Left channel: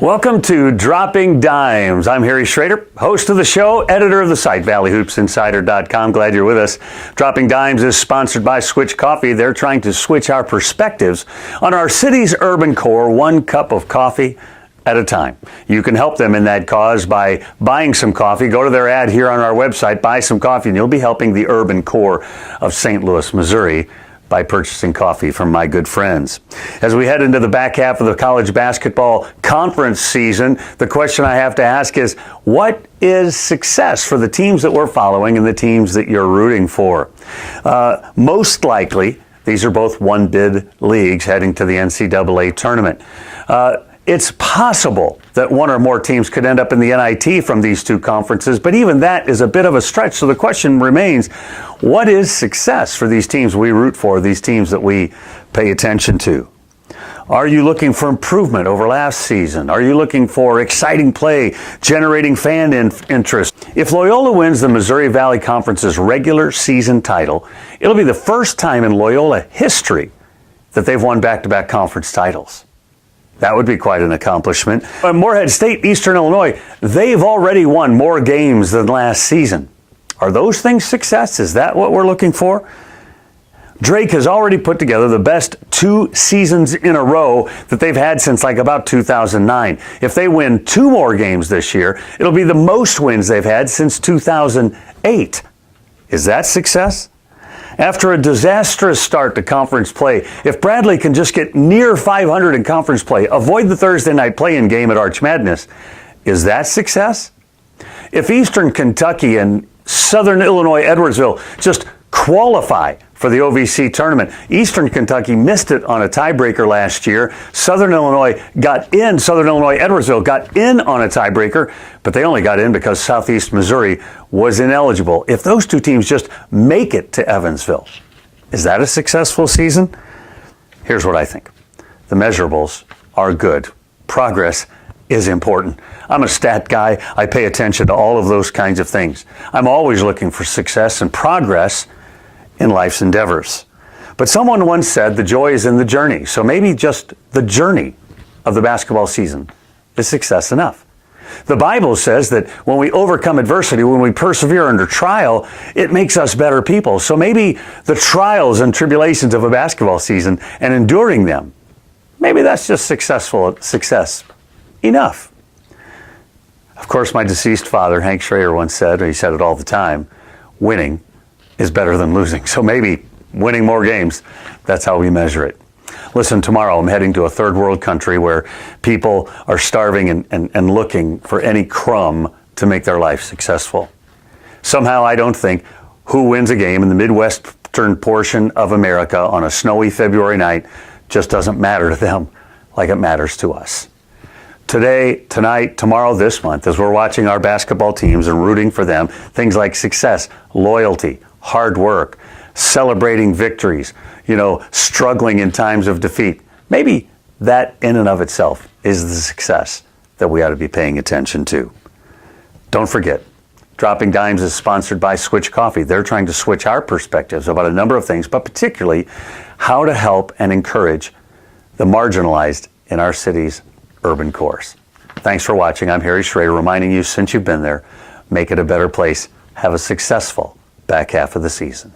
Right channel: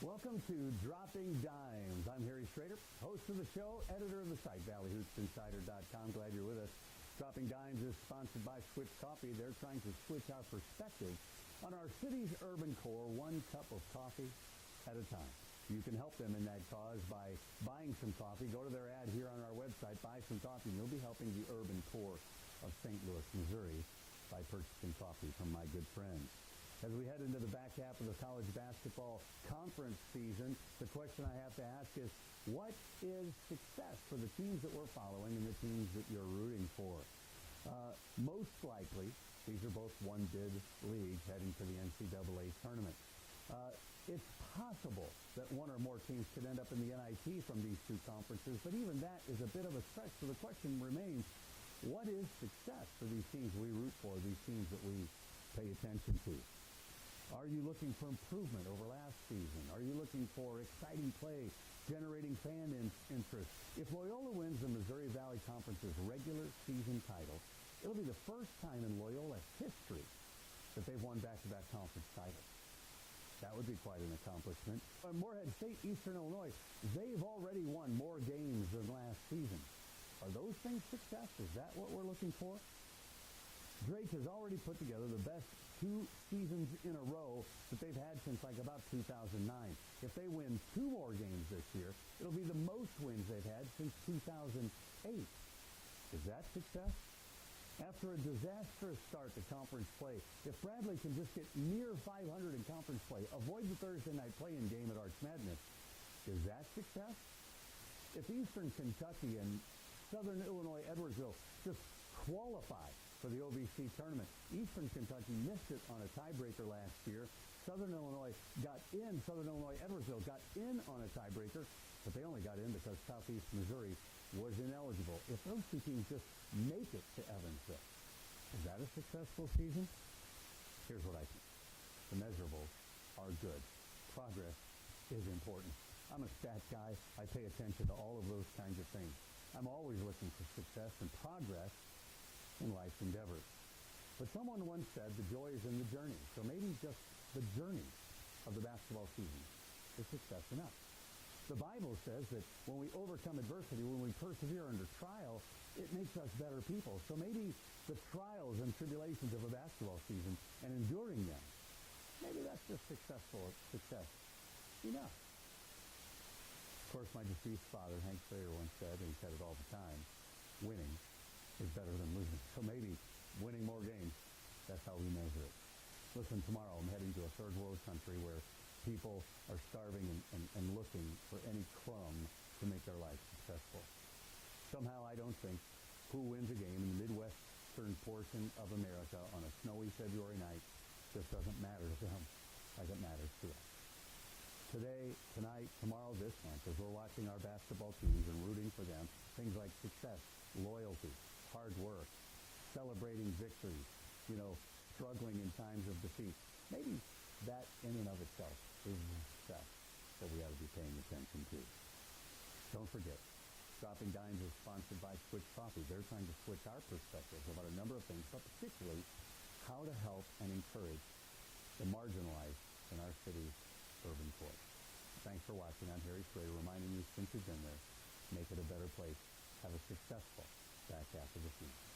Welcome to Dropping Dimes. I'm Harry Schroeder, host of the show, editor of the site, ValleyHoopsInsider.com. Glad you're with us. Dropping Dimes is sponsored by Switch Coffee. They're trying to switch our perspectives on our city's urban core, one cup of coffee at a time. You can help them in that cause by buying some coffee. Go to their ad here on our website, buy some coffee, and you'll be helping the urban core of St. Louis, Missouri, by purchasing coffee from my good friends. As we head into the back half of the college basketball conference season, the question I have to ask is, what is success for the teams that we're following and the teams that you're rooting for? Most likely, these are both one-bid leagues heading to the NCAA tournament. It's possible that one or more teams could end up in the NIT from these two conferences, but even that is a bit of a stretch. So the question remains, what is success for these teams we root for, these teams that we pay attention to? Are you looking for improvement over last season? Are you looking for exciting play, generating fan interest? If Loyola wins the Missouri Valley Conference's regular season title, it'll be the first time in Loyola history that they've won back-to-back conference titles. That would be quite an accomplishment. Morehead State, Eastern Illinois, they've already won more games than last season. Are those things success? Is that what we're looking for? Drake has already put together the best 2 seasons in a row that they've had since like about 2009. If they win 2 more games this year, it'll be the most wins they've had since 2008. Is that success? After a disastrous start to conference play, if Bradley can just get near 500 in conference play, avoid the Thursday night play-in game at Arch Madness, is that success? If Eastern Kentucky and Southern Illinois Edwardsville just qualify for the OVC tournament, Eastern Kentucky missed it on a tiebreaker last year. Southern Illinois Edwardsville got in on a tiebreaker, but they only got in because Southeast Missouri was ineligible. If those two teams just make it to Evansville, is that a successful season? Here's what I think. The measurables are good. Progress is important. I'm a stat guy. I pay attention to all of those kinds of things. I'm always looking for success and progress in life's endeavors. But someone once said the joy is in the journey. So maybe just the journey of the basketball season is success enough. The Bible says that when we overcome adversity, when we persevere under trial, it makes us better people. So maybe the trials and tribulations of a basketball season and enduring them, maybe that's just success enough. Of course, my deceased father, Hank Schroeder, once said, and he said it all the time, winning is better than losing. So maybe winning more games, that's how we measure it. Listen, tomorrow I'm heading to a third world country where people are starving and looking for any crumb to make their life successful. Somehow I don't think who wins a game in the Midwestern portion of America on a snowy February night just doesn't matter to them like it matters to us. Today, tonight, tomorrow, this month, as we're watching our basketball teams and rooting for them, things like success, loyalty, hard work, celebrating victories, struggling in times of defeat. Maybe that in and of itself is the success that we ought to be paying attention to. Don't forget, Dropping Dimes is sponsored by Switch Coffee. They're trying to switch our perspectives about a number of things, but particularly how to help and encourage the marginalized in our city's urban cores. Thanks for watching. I'm Harry Schroeder, reminding you, since you've been there, make it a better place. Have a successful back half of the season.